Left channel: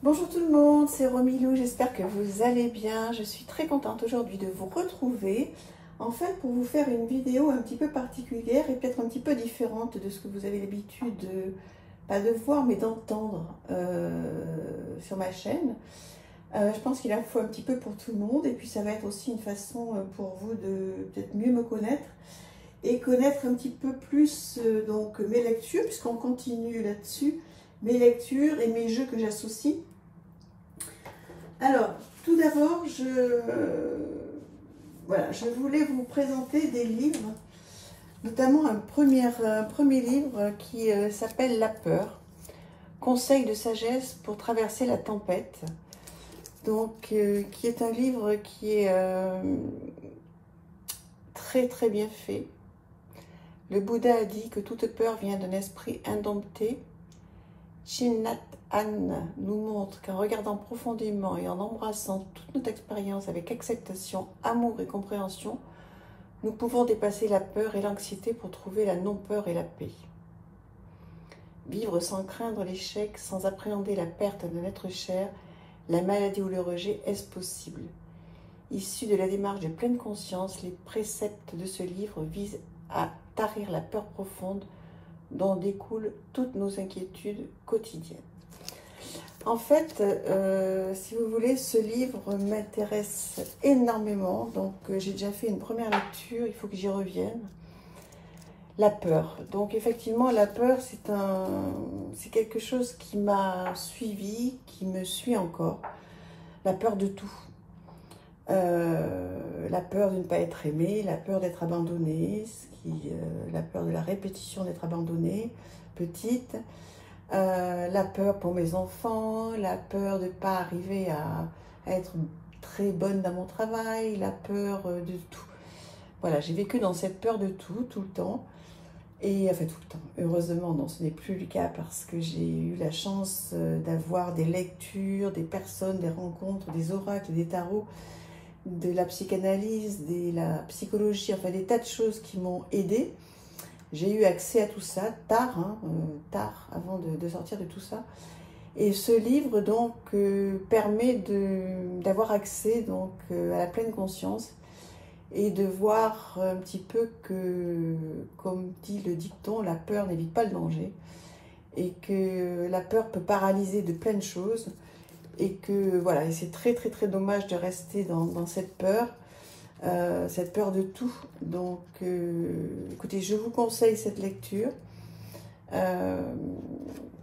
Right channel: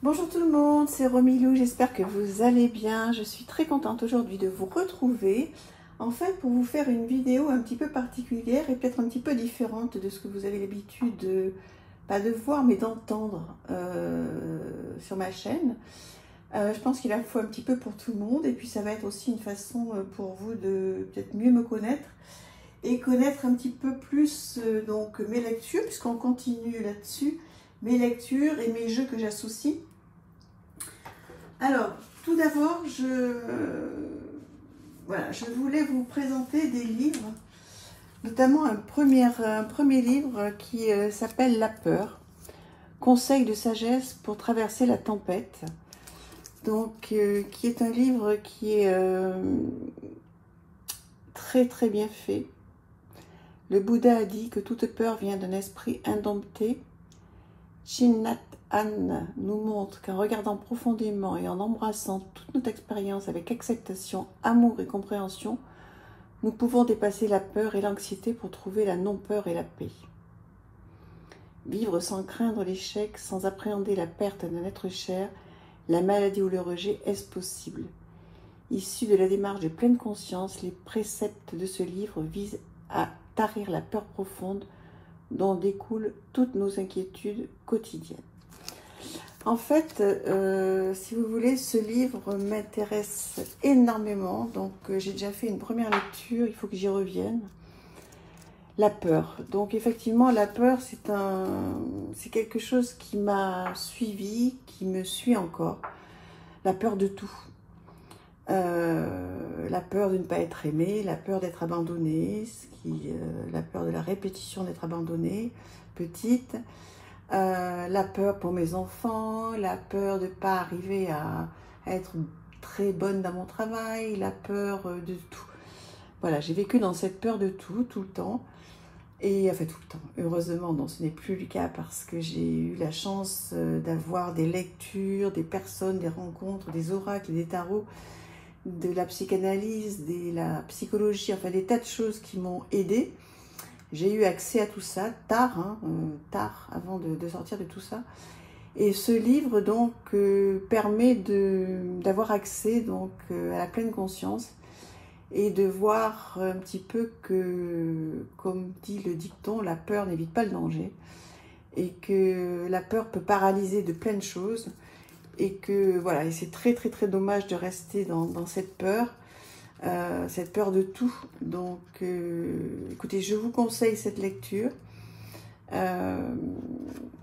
Bonjour tout le monde, c'est Romilou, j'espère que vous allez bien. Je suis très contente aujourd'hui de vous retrouver. En fait, pour vous faire une vidéo un petit peu particulière et peut-être un petit peu différente de ce que vous avez l'habitude, pas de voir, mais d'entendre sur ma chaîne. Je pense qu'il en faut un petit peu pour tout le monde et puis ça va être aussi une façon pour vous de peut-être mieux me connaître et connaître un petit peu plus donc mes lectures, puisqu'on continue là-dessus, mes lectures et mes jeux que j'associe. Alors, tout d'abord, je voulais vous présenter des livres, notamment un premier livre qui s'appelle La peur, conseils de sagesse pour traverser la tempête. Donc, qui est un livre qui est très bien fait. Le Bouddha a dit que toute peur vient d'un esprit indompté. Thich Nhat Hanh nous montre qu'en regardant profondément et en embrassant toute notre expérience avec acceptation, amour et compréhension, nous pouvons dépasser la peur et l'anxiété pour trouver la non-peur et la paix. Vivre sans craindre l'échec, sans appréhender la perte d'un être cher, la maladie ou le rejet, est-ce possible? Issu de la démarche de pleine conscience, les préceptes de ce livre visent à tarir la peur profonde dont découlent toutes nos inquiétudes quotidiennes. En fait, si vous voulez, ce livre m'intéresse énormément. Donc, j'ai déjà fait une première lecture, il faut que j'y revienne. La peur. Donc, effectivement, la peur, c'est quelque chose qui m'a suivi, qui me suit encore. La peur de tout. La peur de ne pas être aimé, la peur d'être abandonné, la peur de la répétition d'être abandonnée, petite, la peur pour mes enfants, la peur de ne pas arriver à être très bonne dans mon travail, la peur de tout. Voilà, j'ai vécu dans cette peur de tout le temps. Et enfin tout le temps, heureusement, non, ce n'est plus le cas parce que j'ai eu la chance d'avoir des lectures, des personnes, des rencontres, des oracles, des tarots, de la psychanalyse, de la psychologie, enfin des tas de choses qui m'ont aidée. J'ai eu accès à tout ça tard, avant de sortir de tout ça. Et ce livre donc permet d'avoir accès donc à la pleine conscience et de voir un petit peu que, comme dit le dicton, la peur n'évite pas le danger et que la peur peut paralyser de plein de choses. Et que voilà, et c'est très dommage de rester dans cette peur de tout. Donc, écoutez, je vous conseille cette lecture.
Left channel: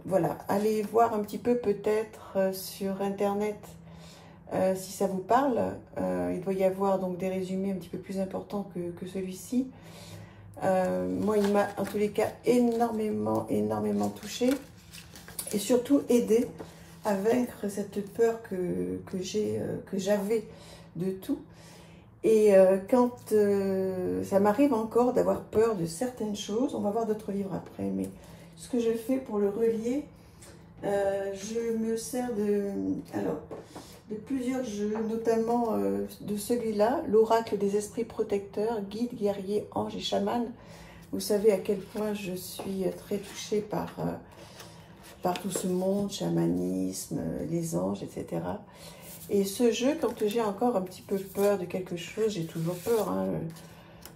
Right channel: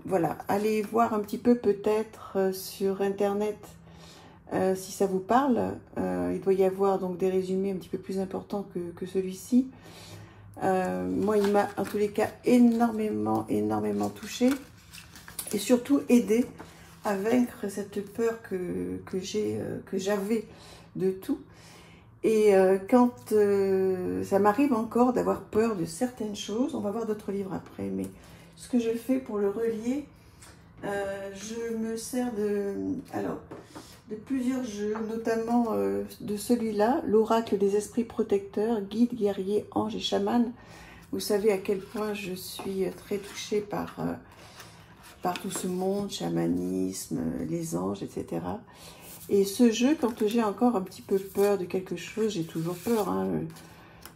Voilà, allez voir un petit peu peut-être sur Internet si ça vous parle. Il doit y avoir donc des résumés un petit peu plus importants que celui-ci. Moi, il m'a en tous les cas énormément touchée et surtout aidé à vaincre cette peur que j'avais de tout. Et quand ça m'arrive encore d'avoir peur de certaines choses, on va voir d'autres livres après, mais ce que je fais pour le relier, je me sers de plusieurs jeux, notamment de celui-là, l'oracle des esprits protecteurs, guides, guerriers, anges et chamans. Vous savez à quel point je suis très touchée par tout ce monde, chamanisme, les anges, etc. Et ce jeu, quand j'ai encore un petit peu peur de quelque chose, j'ai toujours peur. Hein,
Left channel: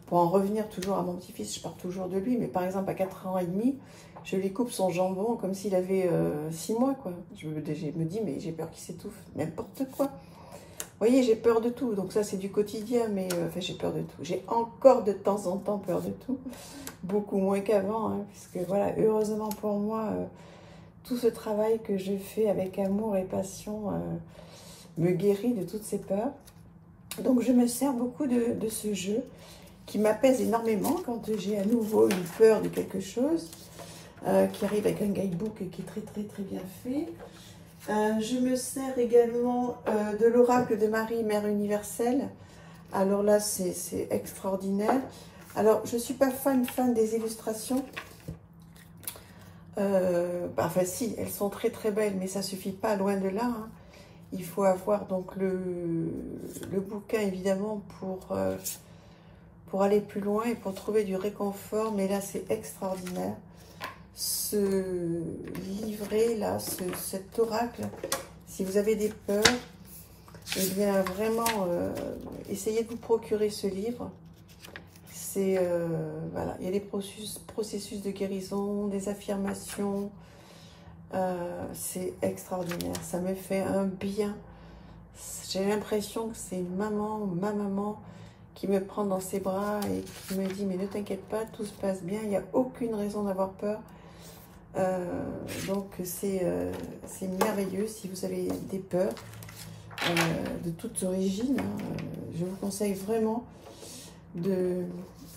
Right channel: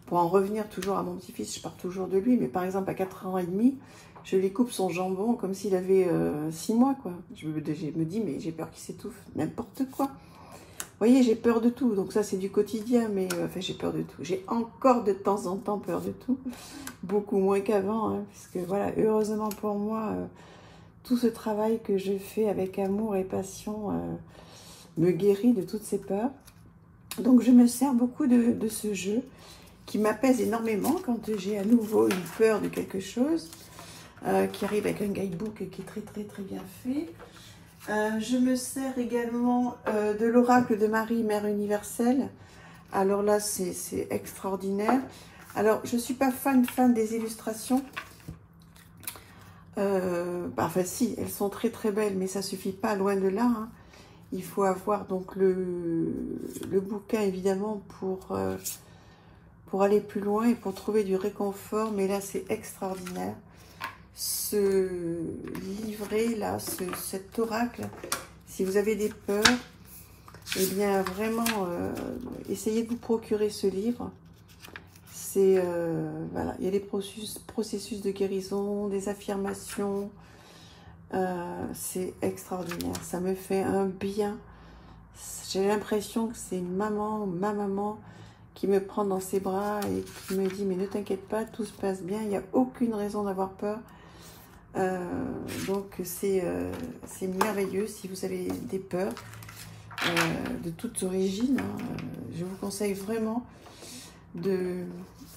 pour en revenir toujours à mon petit-fils, je pars toujours de lui. Mais par exemple, à 4 ans et demi, je lui coupe son jambon comme s'il avait 6 mois. Quoi. Je me dis, mais j'ai peur qu'il s'étouffe. N'importe quoi. Vous voyez, j'ai peur de tout. Donc ça, c'est du quotidien. Mais enfin, j'ai peur de tout. J'ai encore de temps en temps peur de tout. Beaucoup moins qu'avant. Hein, puisque voilà, heureusement pour moi... tout ce travail que je fais avec amour et passion me guérit de toutes ces peurs. Donc je me sers beaucoup de ce jeu qui m'apaise énormément quand j'ai à nouveau une peur de quelque chose, qui arrive avec un guidebook qui est très bien fait. Je me sers également de l'oracle de Marie, Mère universelle. Alors là, c'est extraordinaire. Alors, je ne suis pas fan des illustrations. Enfin si, elles sont très belles, mais ça suffit pas, loin de là. Hein. Il faut avoir donc le bouquin évidemment pour aller plus loin et pour trouver du réconfort, mais là c'est extraordinaire. Ce livret là, cet oracle, Si vous avez des peurs, eh bien vraiment, essayez de vous procurer ce livre. C'est, voilà, il y a des processus de guérison, des affirmations. C'est extraordinaire. Ça me fait un bien. J'ai l'impression que c'est une maman, ma maman, qui me prend dans ses bras et qui me dit, mais ne t'inquiète pas, tout se passe bien, il n'y a aucune raison d'avoir peur. Donc c'est merveilleux. Si vous avez des peurs de toute origine, hein, je vous conseille vraiment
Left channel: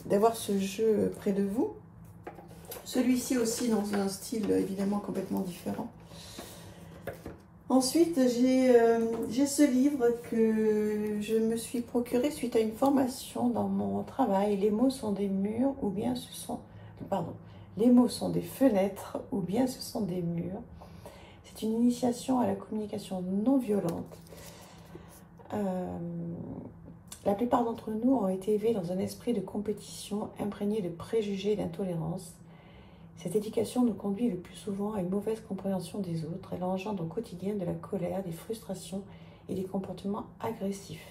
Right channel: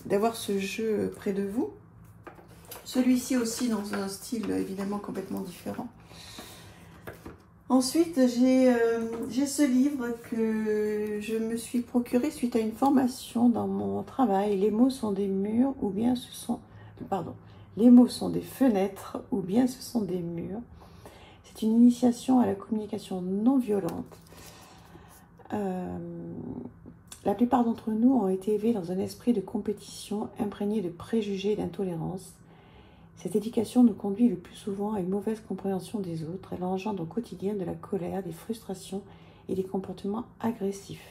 d'avoir ce jeu près de vous. Celui-ci aussi dans un style évidemment complètement différent. Ensuite, j'ai ce livre que je me suis procuré suite à une formation dans mon travail. Les mots sont des murs ou bien ce sont... Pardon. Les mots sont des fenêtres ou bien ce sont des murs. C'est une initiation à la communication non violente. La plupart d'entre nous ont été élevés dans un esprit de compétition imprégné de préjugés et d'intolérance. Cette éducation nous conduit le plus souvent à une mauvaise compréhension des autres. Elle engendre au quotidien de la colère, des frustrations et des comportements agressifs.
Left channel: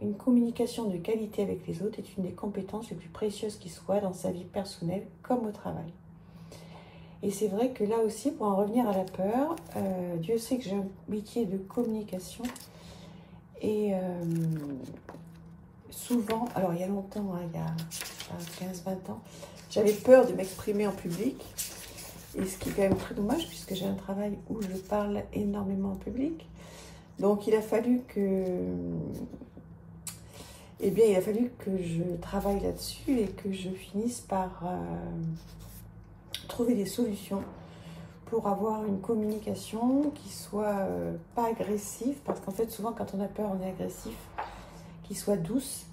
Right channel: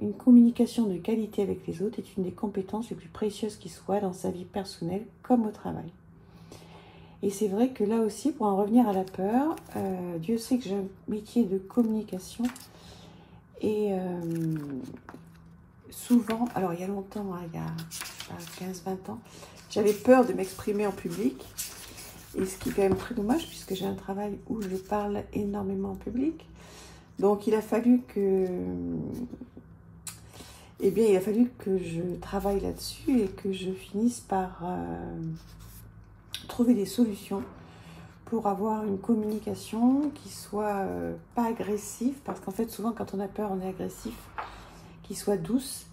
Une communication de qualité avec les autres est une des compétences les plus précieuses qui soient dans sa vie personnelle comme au travail. Et c'est vrai que là aussi, pour en revenir à la peur, Dieu sait que j'ai un métier de communication. Et souvent, alors il y a longtemps, hein, il y a 15-20 ans, j'avais peur de m'exprimer en public. Et ce qui est quand même très dommage puisque j'ai un travail où je parle énormément en public. Donc il a fallu que... Eh bien, il a fallu que je travaille là-dessus et que je finisse par trouver des solutions pour avoir une communication qui soit pas agressive, parce qu'en fait, souvent, quand on a peur, on est agressif, qui soit douce,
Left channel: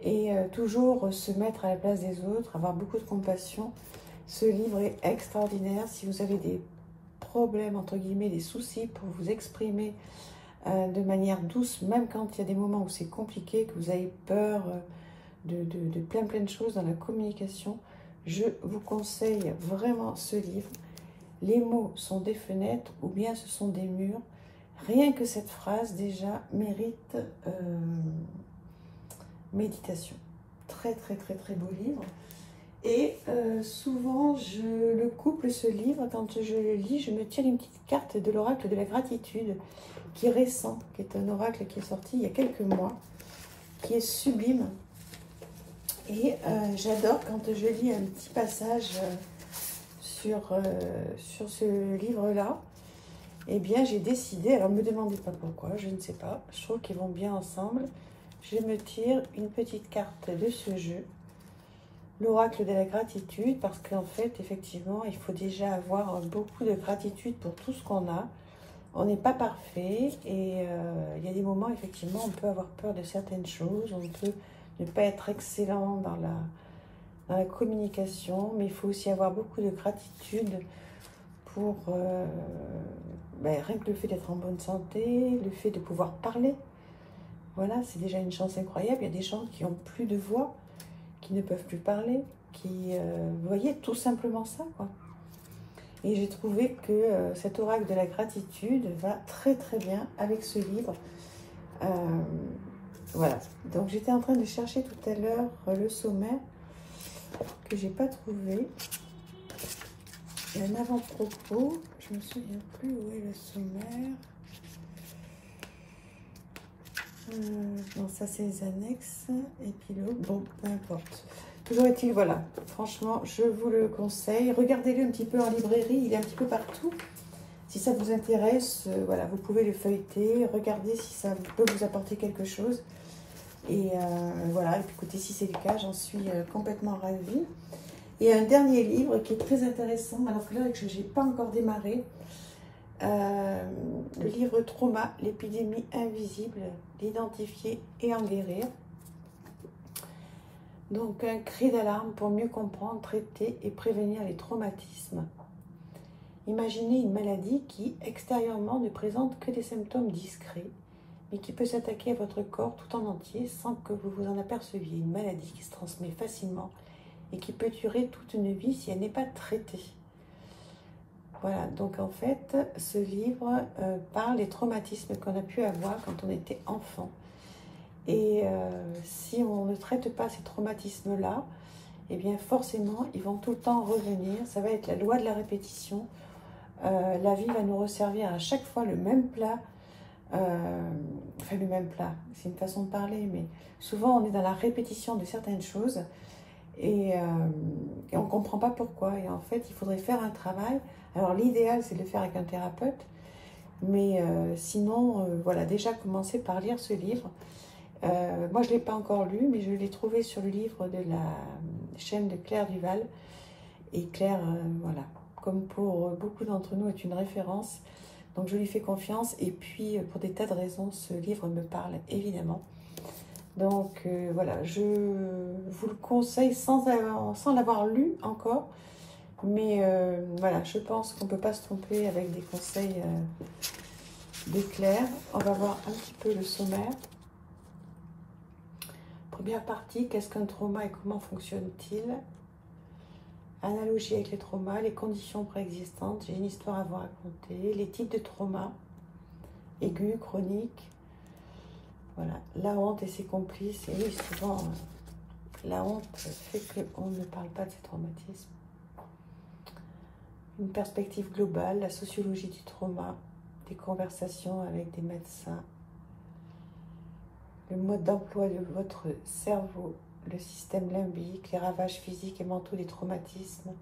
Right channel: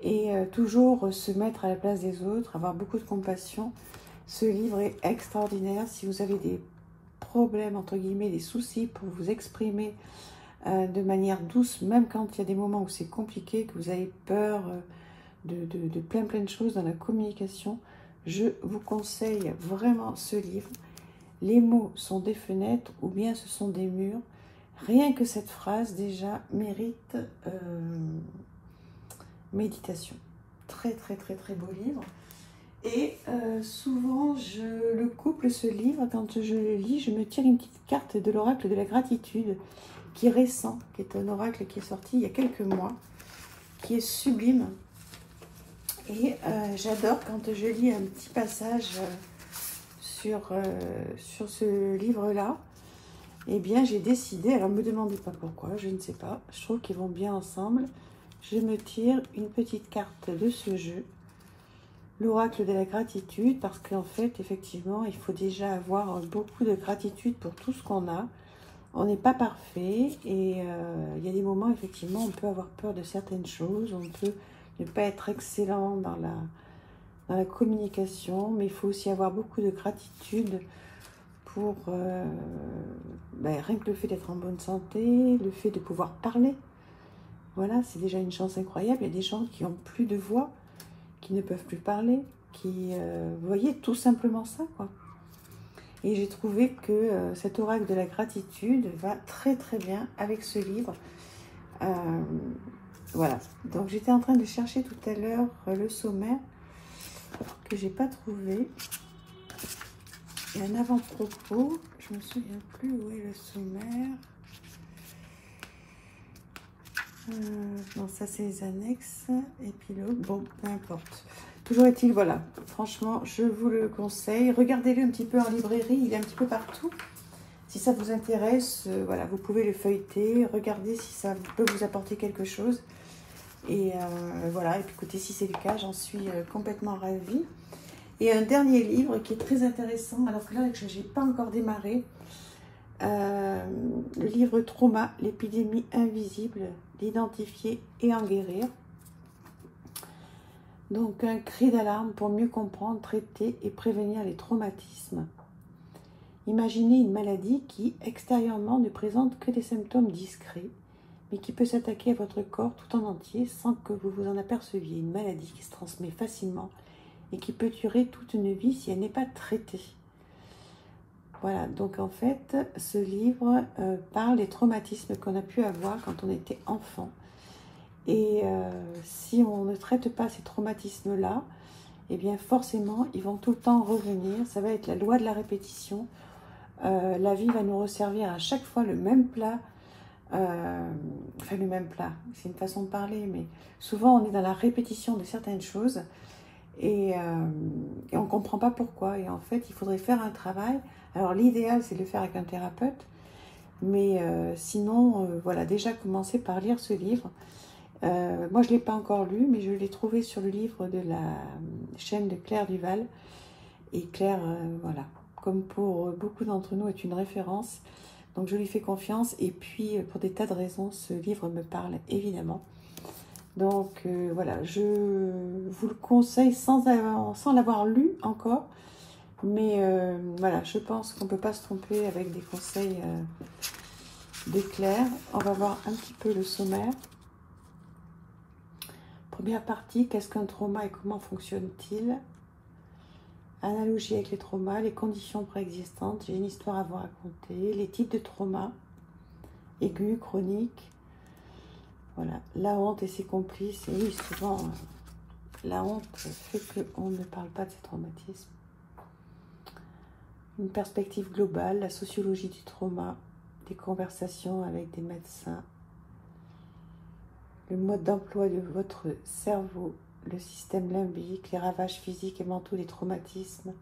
et toujours se mettre à la place des autres, avoir beaucoup de compassion. Ce livre est extraordinaire. Si vous avez des problèmes, entre guillemets, des soucis pour vous exprimer de manière douce, même quand il y a des moments où c'est compliqué, que vous avez peur de plein de choses dans la communication, je vous conseille vraiment ce livre. Les mots sont des fenêtres ou bien ce sont des murs. Rien que cette phrase déjà mérite méditation. Très beau livre. Et souvent je le couple ce livre, quand je le lis, je me tire une petite carte de l'oracle de la gratitude qui est récent, qui est un oracle qui est sorti il y a quelques mois, qui est sublime. Et j'adore quand je lis un petit passage sur ce livre-là. Eh bien, j'ai décidé, alors ne me demandez pas pourquoi, je ne sais pas, je trouve qu'ils vont bien ensemble. Je me tire une petite carte de ce jeu, l'oracle de la gratitude, parce qu'en fait, effectivement, il faut déjà avoir beaucoup de gratitude pour tout ce qu'on a. On n'est pas parfait et il y a des moments, effectivement, on peut avoir peur de certaines choses, on peut ne pas être excellent dans la communication, mais il faut aussi avoir beaucoup de gratitude pour rien que le fait d'être en bonne santé, le fait de pouvoir parler. Voilà, c'est déjà une chance incroyable. Il y a des gens qui n'ont plus de voix, qui ne peuvent plus parler, vous voyez, tout simplement ça, quoi. Et j'ai trouvé que cet oracle de la gratitude va très bien avec ce livre. Voilà, donc j'étais en train de chercher tout à l'heure le sommaire que j'ai pas trouvé. Et un avant-propos, je me souviens plus où est le sommaire. Non, ça c'est les annexes, épilogue, bon, peu importe. Toujours est-il, voilà, franchement, je vous le conseille. Regardez-le un petit peu en librairie, il est un petit peu partout. Si ça vous intéresse, voilà, vous pouvez le feuilleter, regardez si ça peut vous apporter quelque chose. Et voilà, et puis écoutez, si c'est le cas, j'en suis complètement ravie. Et un dernier livre qui est très intéressant, alors que là, je n'ai pas encore démarré. Le livre Trauma, l'épidémie invisible, l'identifier et en guérir. Donc un cri d'alarme pour mieux comprendre, traiter et prévenir les traumatismes. Imaginez une maladie qui, extérieurement, ne présente que des symptômes discrets, mais qui peut s'attaquer à votre corps tout en entier sans que vous vous en aperceviez. Une maladie qui se transmet facilement et qui peut durer toute une vie si elle n'est pas traitée. Voilà, donc en fait, ce livre parle des traumatismes qu'on a pu avoir quand on était enfant. Et si on ne traite pas ces traumatismes-là, eh bien forcément, ils vont tout le temps revenir. Ça va être la loi de la répétition. La vie va nous resservir à chaque fois le même plat. Enfin, le même plat, c'est une façon de parler, mais souvent on est dans la répétition de certaines choses et on ne comprend pas pourquoi. Et en fait, il faudrait faire un travail. Alors, l'idéal, c'est de le faire avec un thérapeute, mais sinon, voilà, déjà commencer par lire ce livre. Moi, je ne l'ai pas encore lu, mais je l'ai trouvé sur le livre de la chaîne de Claire Duval. Et Claire, voilà, comme pour beaucoup d'entre nous, est une référence. Donc, je lui fais confiance. Et puis, pour des tas de raisons, ce livre me parle évidemment. Donc, voilà, je vous le conseille sans l'avoir lu encore. Mais voilà, je pense qu'on ne peut pas se tromper avec des conseils de Claire. On va voir un petit peu le sommaire. Première partie, qu'est-ce qu'un trauma et comment fonctionne-t-il? Analogie avec les traumas, les conditions préexistantes, j'ai une histoire à vous raconter, les types de traumas, aigus, chroniques, voilà, la honte et ses complices, et oui, souvent, la honte fait qu'on ne parle pas de ces traumatismes. Une perspective globale, la sociologie du trauma, des conversations avec des médecins, le mode d'emploi de votre cerveau, le système limbique, les ravages physiques et mentaux des traumatismes,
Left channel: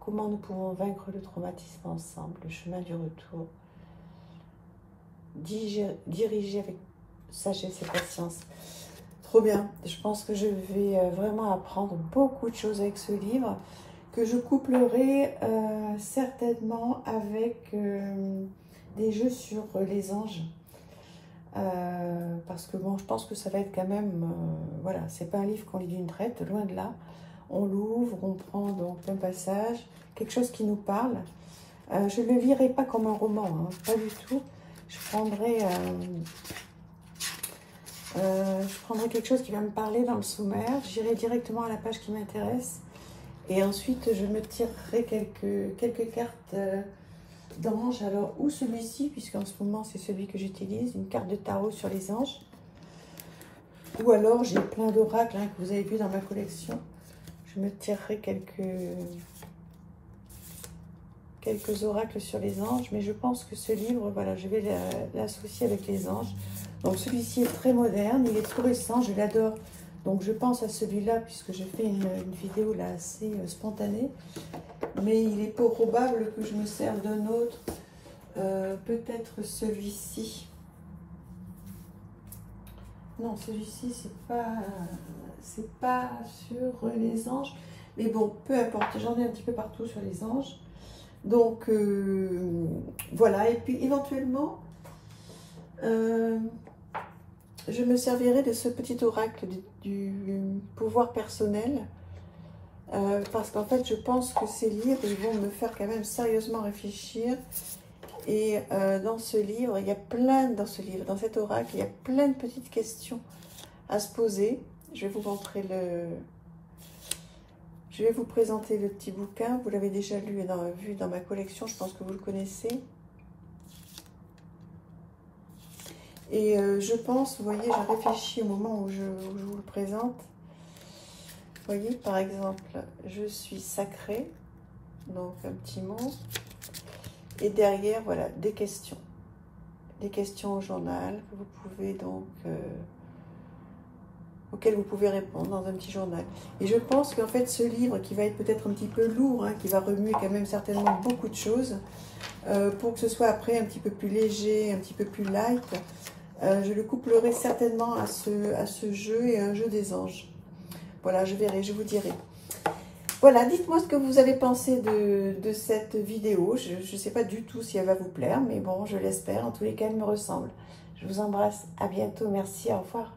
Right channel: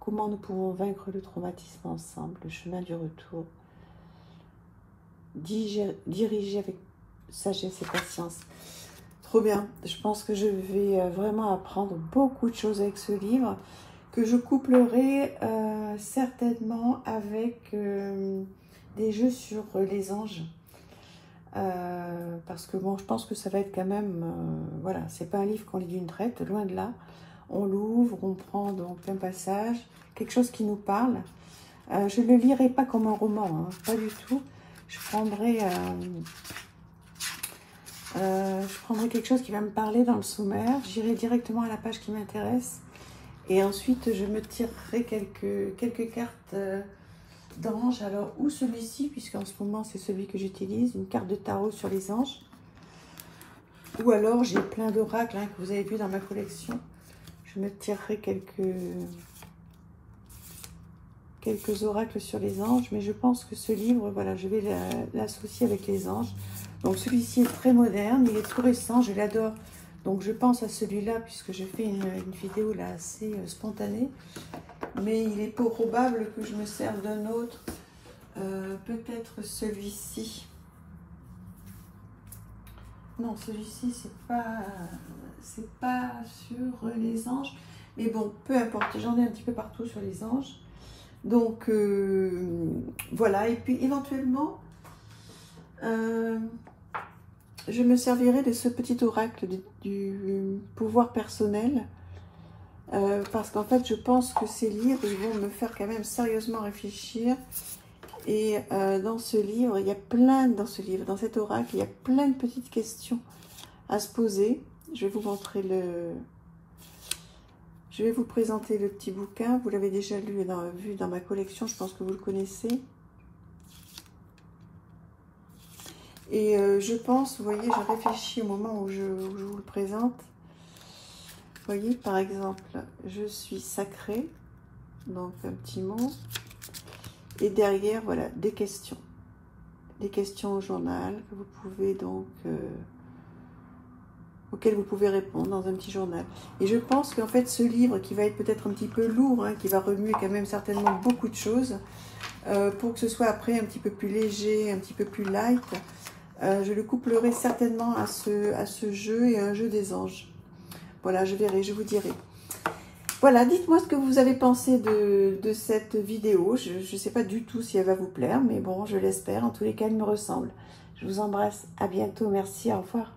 comment nous pouvons vaincre le traumatisme ensemble, le chemin du retour, diriger avec sagesse et patience. Trop bien, je pense que je vais vraiment apprendre beaucoup de choses avec ce livre, que je couplerai certainement avec des jeux sur les anges. Parce que bon, je pense que ça va être quand même, voilà, c'est pas un livre qu'on lit d'une traite, loin de là. On l'ouvre, on prend donc un passage, quelque chose qui nous parle. Je ne le lirai pas comme un roman, hein, pas du tout. Je prendrai quelque chose qui va me parler dans le sommaire. J'irai directement à la page qui m'intéresse. Et ensuite, je me tirerai quelques cartes d'anges. Alors, ou celui-ci, puisqu'en ce moment, c'est celui que j'utilise, une carte de tarot sur les anges. Ou alors, j'ai plein d'oracles hein, que vous avez vu dans ma collection. Je me tirerai quelques oracles sur les anges. Mais je pense que ce livre, voilà, je vais l'associer avec les anges. Donc, celui-ci est très moderne, il est tout récent, je l'adore. Donc, je pense à celui-là, puisque j'ai fait une vidéo là assez spontanée. Mais il est peu probable que je me serve d'un autre. Peut-être celui-ci. Non, celui-ci, c'est pas sur les anges. Mais bon, peu importe, j'en ai un petit peu partout sur les anges. Donc, voilà. Et puis, éventuellement, je me servirai de ce petit oracle du pouvoir personnel. Parce qu'en fait, je pense que ces livres, ils vont me faire quand même sérieusement réfléchir. Et dans ce livre, il y a plein, dans cet oracle, il y a plein de petites questions à se poser. Je vais vous montrer je vais vous présenter le petit bouquin. Vous l'avez déjà vu dans ma collection, je pense que vous le connaissez. Et je pense, vous voyez, j'ai réfléchi au moment où je vous le présente. Vous voyez, par exemple, je suis sacrée, donc un petit mot. Et derrière, voilà, des questions. Des questions au journal que vous pouvez donc, auxquelles vous pouvez répondre dans un petit journal. Et je pense qu'en fait, ce livre qui va être peut-être un petit peu lourd, hein, qui va remuer quand même certainement beaucoup de choses, pour que ce soit après un petit peu plus léger, un petit peu plus light, je le couplerai certainement à ce jeu et à un jeu des anges. Voilà, je verrai, je vous dirai. Voilà, dites-moi ce que vous avez pensé de cette vidéo. Je ne sais pas du tout si elle va vous plaire, mais bon, je l'espère. En tous les cas, elle me ressemble. Je vous embrasse. À bientôt. Merci. Au revoir.